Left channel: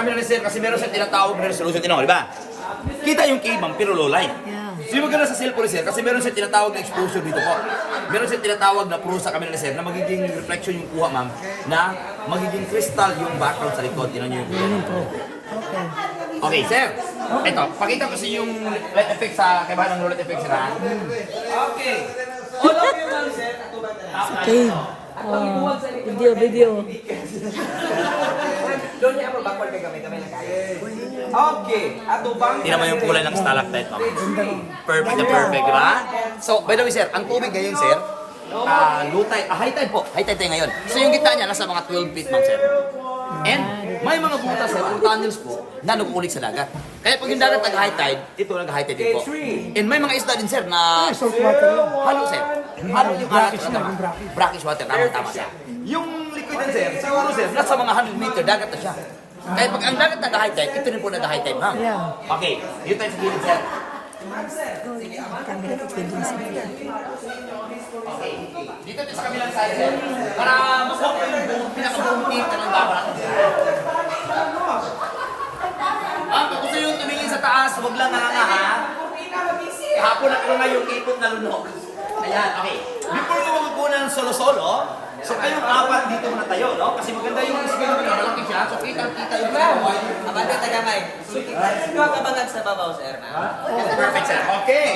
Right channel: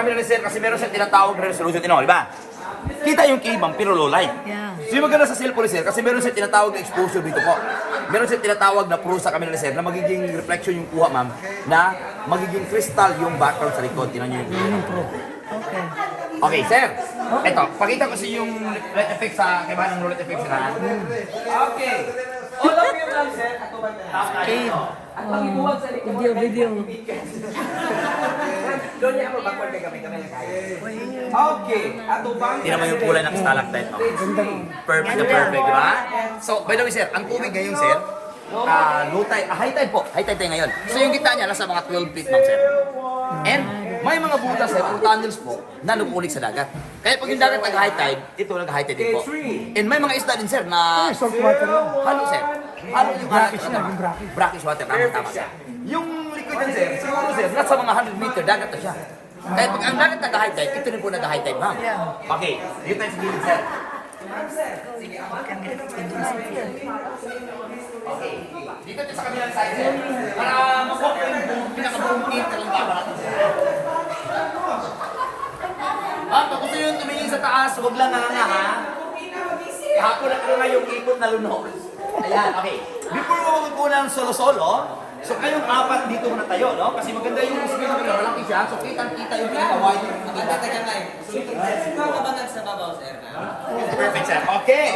Camera ni sir kasi meron siyang tinatawag na resolution, di ba? Kita yung key ma'am, pero low light. Yeah. So yung maganda sa cellphone ni sir, kasi meron siyang tinatawag na exposure dito po. Meron siyang tinatawag na pro sa camera ni sir na magiging reflection yung kuha ma'am, na magiging crystal yung background sa likod. Tinan nyo yung Okay. Okay, sir. Ito, pakita ko sa yung light effect sa kaibahan ng light effect sir. Okay. All of you ma'am sir, Okay. Video. doon niya ako backward kay gamit naman Okay, ato bang tingnan mo yung kulay ng stalactite, ma'am. Perfect na perfect, di ba? So, by the way, sir, ang tubig ngayon, sir, low tide, high tide po. High tide tayo ngayon. So, yung gitna niya, nasa mga 12 feet, ma'am, sir. And, may mga butas, sir, o tunnels po, na nag-uulik sa dagat. Kaya pag yung dagat nag-high tide, ito nag-high tide din po. And may mga isda din, sir, na halo, sir. Halo yung alat, brackish water, tama siya. Yung liquid din, sir, siguro, sir, nasa mga 100 meter, dagat na siya. Kaya pag ang dagat nag-high tide, ito rin po nag-high tide, ma'am. Okay, dito tayo sa gilid, sir. Okay, dito tayo sa kabilang side, sir. Para makuha ko yung pinaka-buong team na lang dapat natin, sir. Ma'am, kung gusto yung tumingin sa taas, huwag lang nga, ha? Kahapon na nga yung ipot na lunok. Ayan, okay. Before mo magkukunan solo-solo, so kayong apat dito muna tayo, no? Kasi maganda yung screen nyo, malaki siya. So kita-kita yung pinagawa. Abante, tagamay. Ikaw kabangan sa babaw, sir. Perfect, sir. Okay.